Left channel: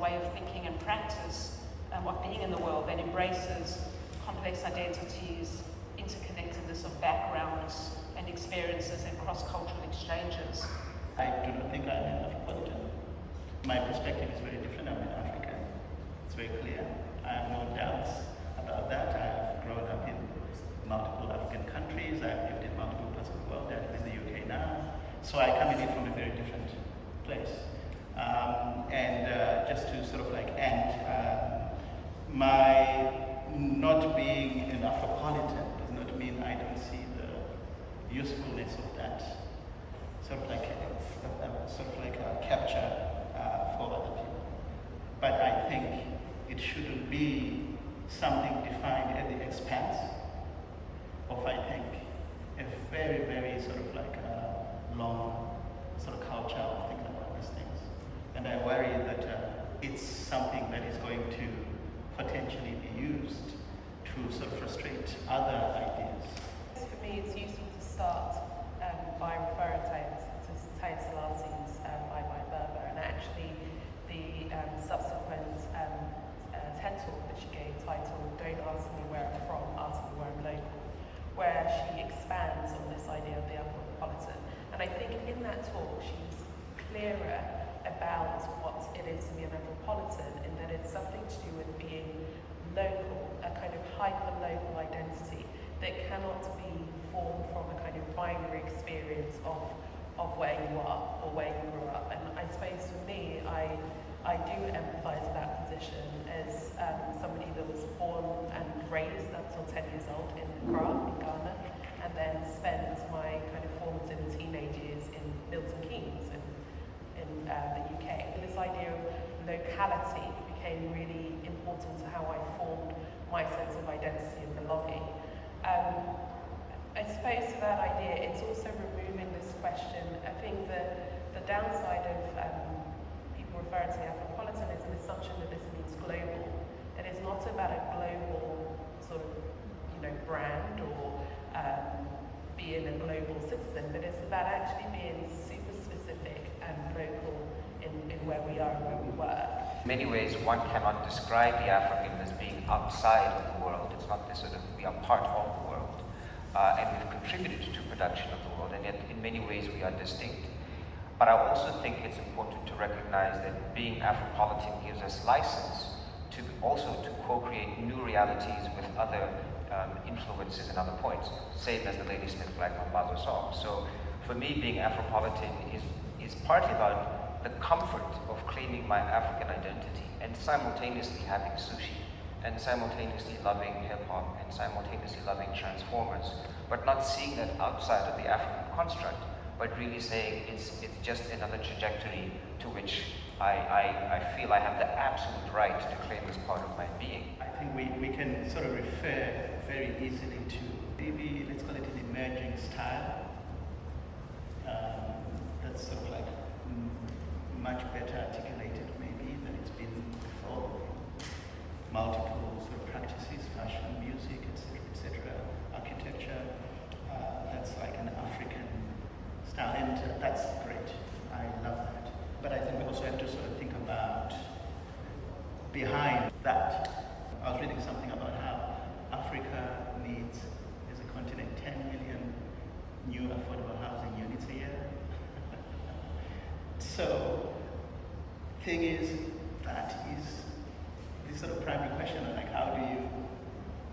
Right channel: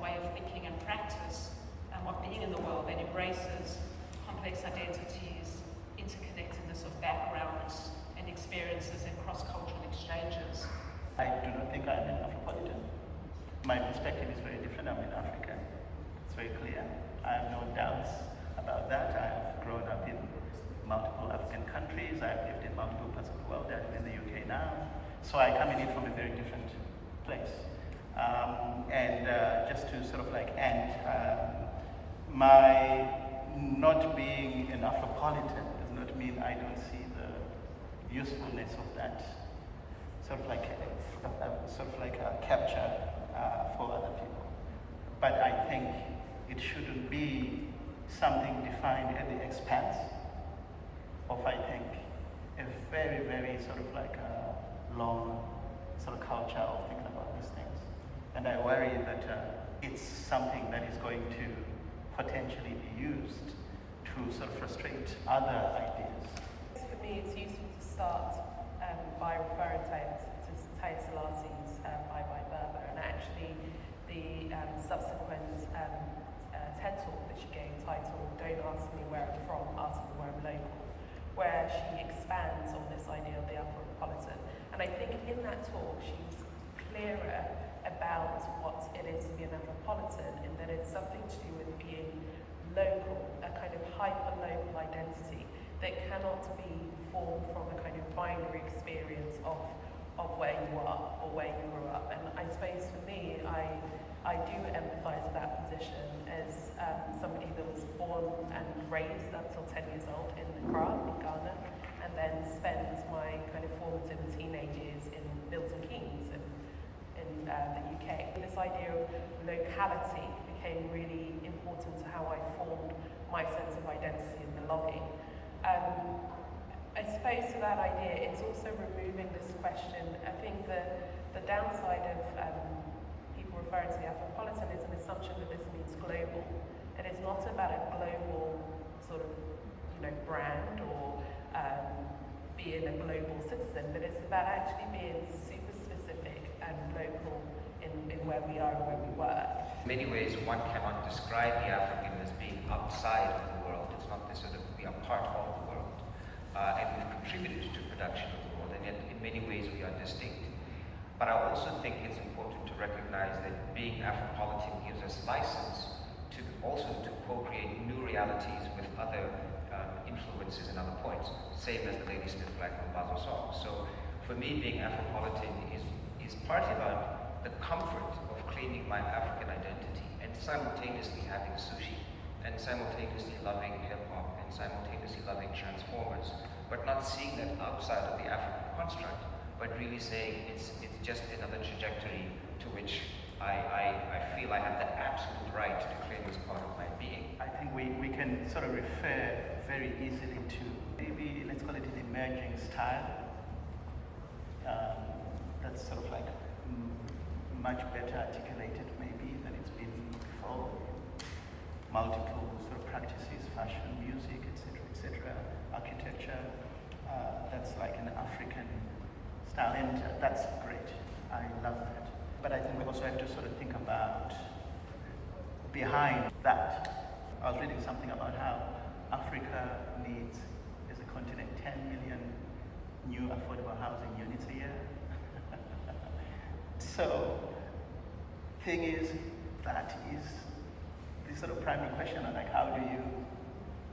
way of thinking and practice of being in the world that embraces complex identities, interconnectedness of backgrounds and experiences and cross-cultural exchanges. I do not think I'm an Afropolitan. My perspective is very different. I'm an African. It's very clear. I have no doubts about that. I've grown up in multiple African countries. I've lived in multiple parts of the world. I'm in the UK now. So I come in it from a very different place. Just to sort of like end, my not being an Afropolitan does not mean I don't see the usefulness of that sort of like a capture for other people. But I think it shouldn't be something defined at the expense of, I think, a very, very sort of like a long sort of culture of thinking about these things. And I worry that it's something that is going to potentially be used to sort of frustrate other ideas. For me, it's useful to start by referring to Taye Selassie's Bye Bye Berber, and actually the subsequent TED talk that she gave titled Don't Ask Me Where I'm From, Ask Me Where I'm Local, where she expands on this idea of the Afropolitan. And I think in that talk she's clearer about what it is to be an Afropolitan, in that it's something to do with being local, a kind of hyper-local identity that cannot be formed from a kind of binary experience of where you are or where you grew up. And I suppose for me, I do empathise with that position as somebody that was born and raised until 10 years old in Accra, in Ghana, and then spent my kind of formative and teenage years in Milton Keynes in the UK. This idea of locality became really important to how I formed my sense of identity and belonging. I suppose to that idea, it's also removing this question. I think the downside of people referring to the Afropolitan is an assumption that this means global. It is not about a global sort of, brand or being a global citizen, but it's about actually being super specific and local in where we are and where we work. In many ways, one cannot describe the African as being outside of the world. It's not this sort of, we are part of the world. And we've contributed to production of the world, and yet in many ways we are distinct. But I also think it's important to recognize that being Afropolitan gives us license to also to co-create new realities with other influences and other points, same as the latest Black Mambazo song. So for me, being Afropolitan is partly about the comfort of claiming my African identity and simultaneously having sushi, and simultaneously loving hip-hop, and simultaneously loving Transformers, but not seeing that outside of the African construct, but really saying it's just another trajectory to which I feel I have the absolute right to claim as part of my being. I think we can sort of refer very easily to maybe, let's call it an emerging style, that's sort of like much better articulated maybe than it's been before. Multiple sort of practices, fashion, music, etc., architecture. That's like an African style, and that's great. I love that. But I think we also have to sort of think about behind that. I was reading something about how Africa needs, as a continent, 10 million new affordable housing units a year. So, thing is, that is the sort of primary question, and like, how do you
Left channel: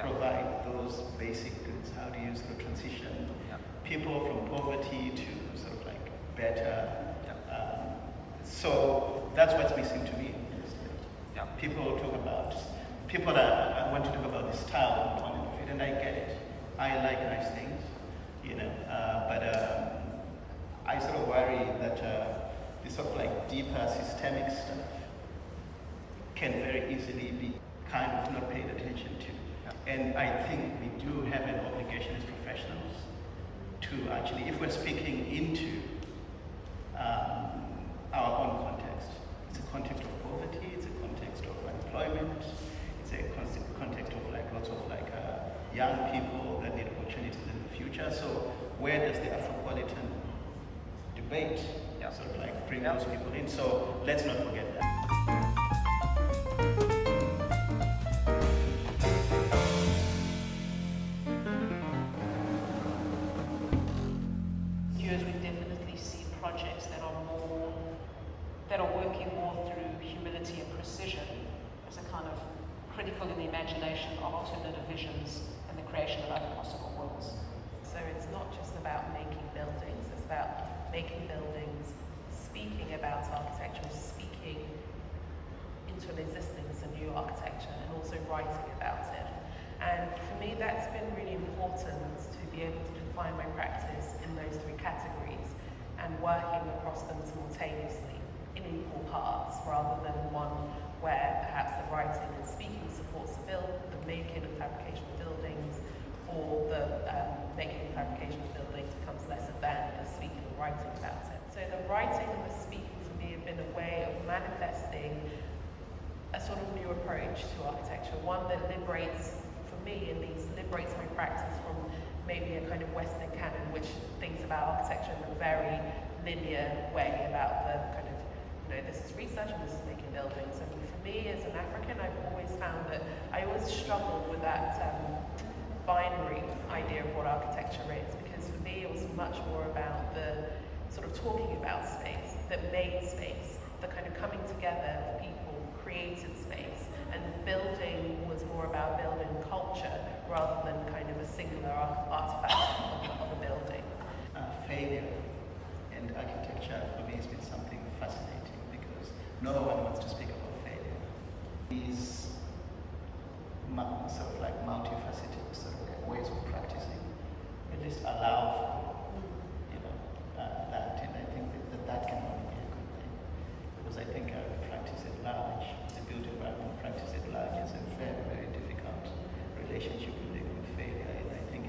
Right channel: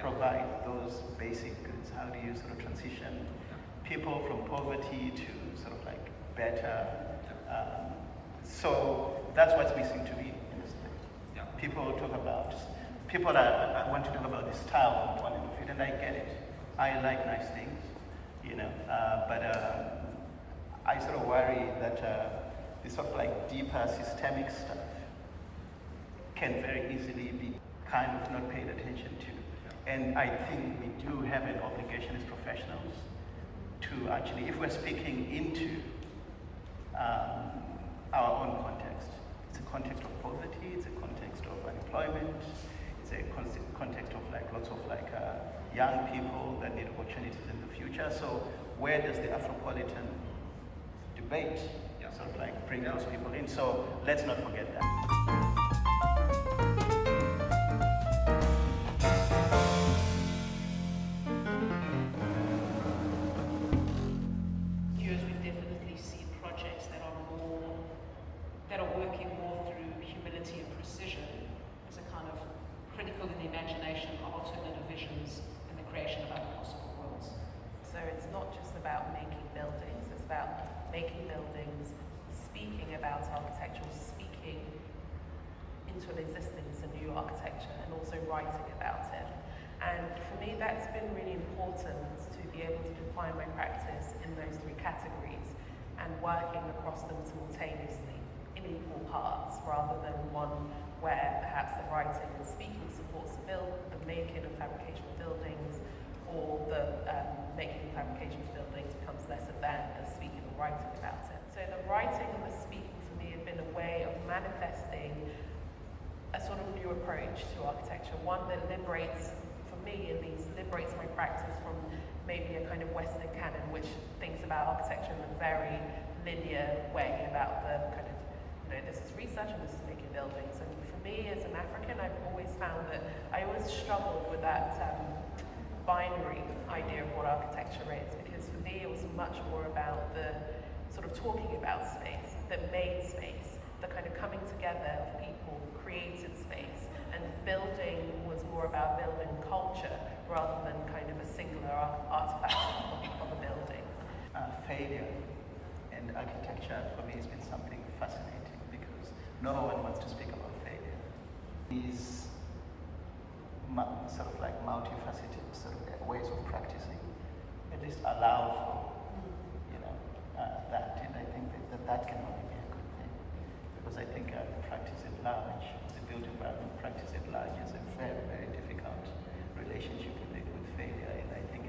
provide those basic goods? How do you sort of transition people from poverty to sort of like better? So that's what's missing to me in this thing. People want to talk about the style component of it, and I get it. I like nice things, but I sort of worry that this sort of like deeper systemic stuff can very easily be kind of not paid attention to. And I think we do have an obligation as professionals to actually, if we're speaking into our own context, it's a context of poverty, it's a context of unemployment, it's a context of like lots of like young people that need opportunities in the future. So where does the Afropolitan debate sort of like bring those people in? So let's not forget that. critical in the imagination of alternative visions and the creation of other possible worlds. So it's not just about making buildings, it's about making buildings, speaking about architecture, speaking into an existence, a new architecture, and also writing about it. And for me, that's been really important to be able to define my practice in those three categories and working across them simultaneously in equal parts, rather than one where perhaps the writing and speaking supports the making and fabrication of buildings, or the making and fabrication of buildings becomes lesser than the speaking or writing about it. So the writing and the speaking for me have been a way of manifesting a sort of new approach to architecture, one that liberates, for me at least, liberates my practice from maybe a kind of Western canon which thinks about architecture in a very linear way, about the kind of, this is research and this is making buildings. And for me as an African, I've always found that I always struggled with that binary idea of what architecture is, because for me it was much more about the sort of talking about space, that made space, the kind of coming together of people, created space, and building was more about building culture rather than kind of a singular artifact of a building. Failure in architecture for me has been something fascinating, because no one wants to speak about failure. These sort of like multifaceted sort of ways of practicing at least allow for that, and I think that can only be a good thing, because I think the practice at large, the built environment practice at large, is a very, very difficult relationship with failure, and I think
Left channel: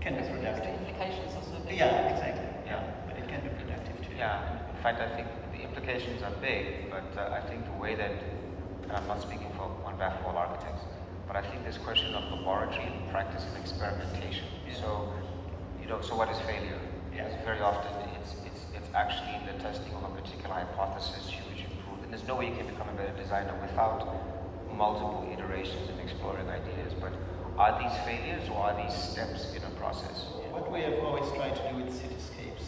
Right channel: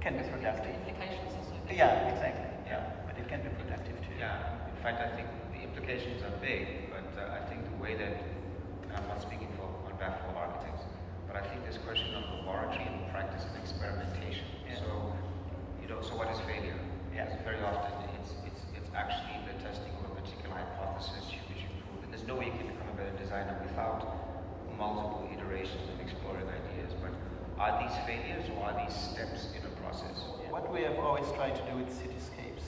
can be productive. The implications also. Yeah, exactly. Yeah, but it can be productive too. Yeah, in fact, I think the implications are big, but I think the way that, and I'm not speaking on behalf of all architects, but I think this question of laboratory and practice of experimentation. Yeah. So, so what is failure? Yeah. Because very often it's actually the testing of a particular hypothesis, hugely prove. There's no way you can become a better designer without multiple iterations and exploring ideas. But are these failures, or are these steps in a process? What we have always tried to do with cityscapes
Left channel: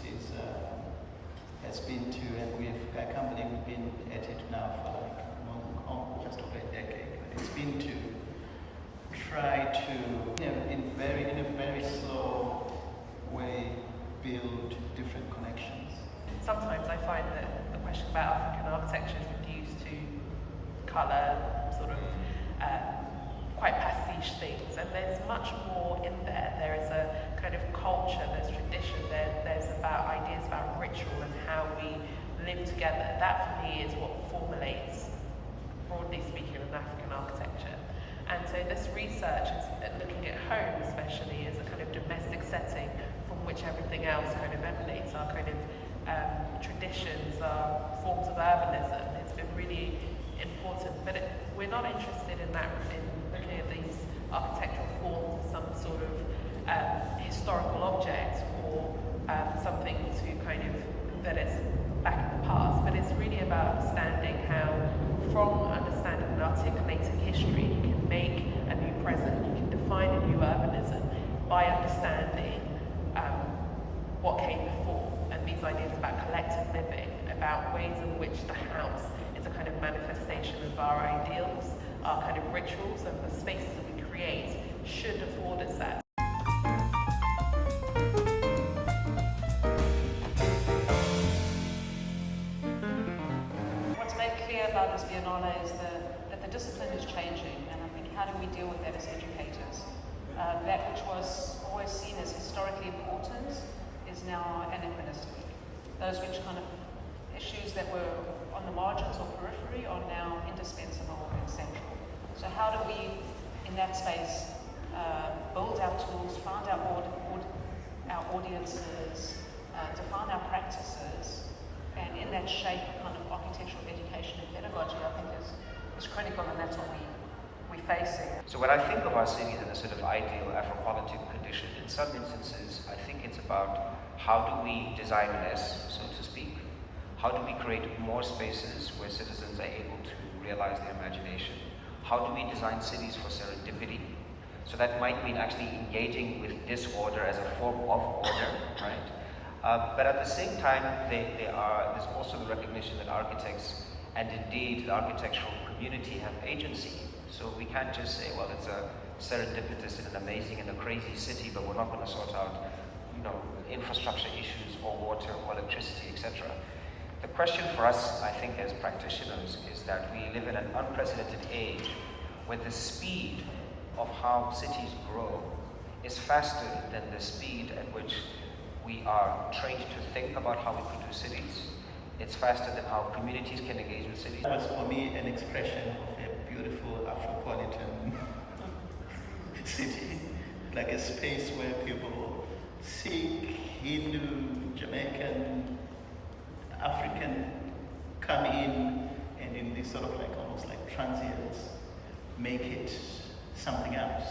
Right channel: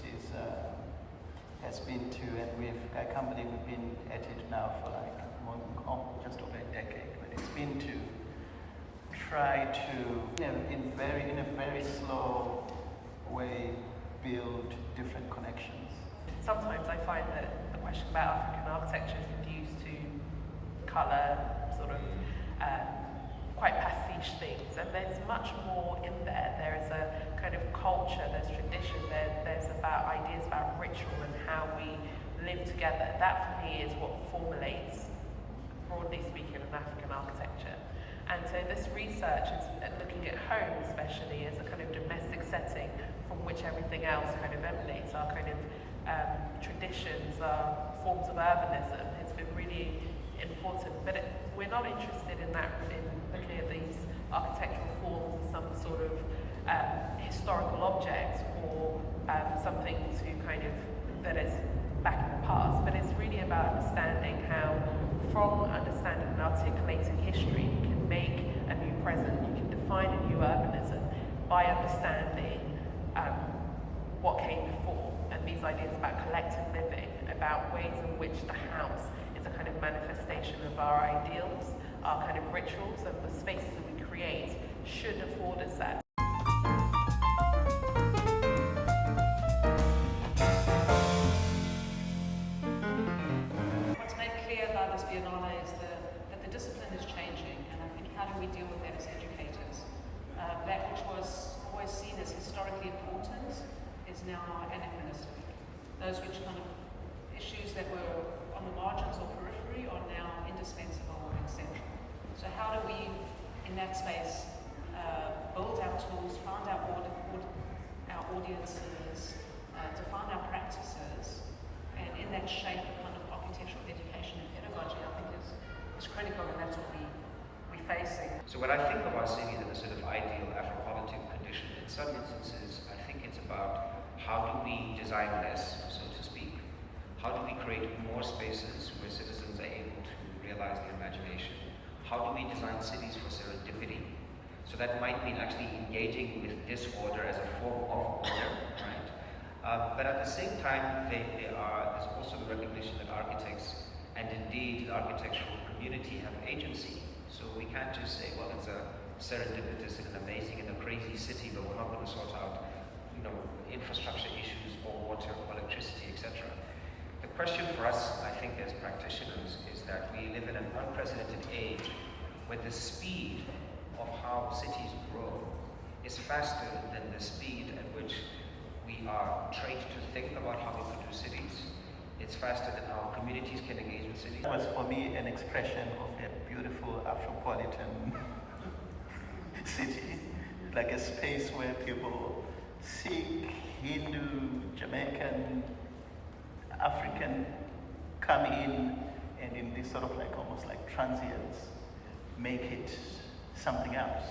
has been to, and I can't believe we've been at it now for like just over a decade, but it's been to try to, in a very slow way, build different connections. Sometimes I find that the question about African architecture is reduced to colour, sort of quite pastiche things, and there's much more in there. There is a kind of culture, there's tradition, there's about ideas about ritual and how we live together. That for me is what formulates, broadly speaking, an African architecture. And so this research is looking at home especially as a kind of domestic setting from which everything else kind of emanates, our kind of traditions, our forms of urbanism. It's been really important, but we're not interested in that, in looking at these architectural forms as some sort of historical object or something to kind of, that is back in the past, but it's really about understanding how, from understanding and articulating history, you can make a new present, you can define a new urbanism by understanding what came before, and these ideas about collective living, about ways in which the house is a kind of manifestation of our ideals, our kind of rituals, and the spaces that we create should afford us that. What's made clear about this Biennale is that the discipline is changing, and I think how do we deal with that as educators? That which was always seen as historically important is now anachronistic. Those which kind of issues that were on the margins or periphery are now indispensable and central. So how do we, in that space, build our tools, find our audiences, define our practices, and in that shape a kind of architectural education and pedagogy, I think is critical, and that's what we're facing. So when I think of our city in a sort of ideal Afropolitan condition, in some instances I think it's about how do we design less, so to speak? How do we create more spaces where citizens are able to realize their imagination? How do we design cities for serendipity? So that might mean actually engaging with disorder as a form of order, right? But at the same time, there's also the recognition that architects And indeed, the architectural community have agency. So we can't just say, well, it's a serendipitous and an amazing and a crazy city, but we're not going to sort out, infrastructure issues or water or electricity, etc. The question for us, I think, as practitioners, is that we live in an unprecedented age where the speed of how cities grow is faster than the speed at which we are trained to think about how we produce cities. It's faster than how communities can engage with cities. It was for me an expression of a beautiful Afropolitan city, like a space where people, Sikh, Hindu, Jamaican, African, come in and in this sort of like almost like transience, make it something else.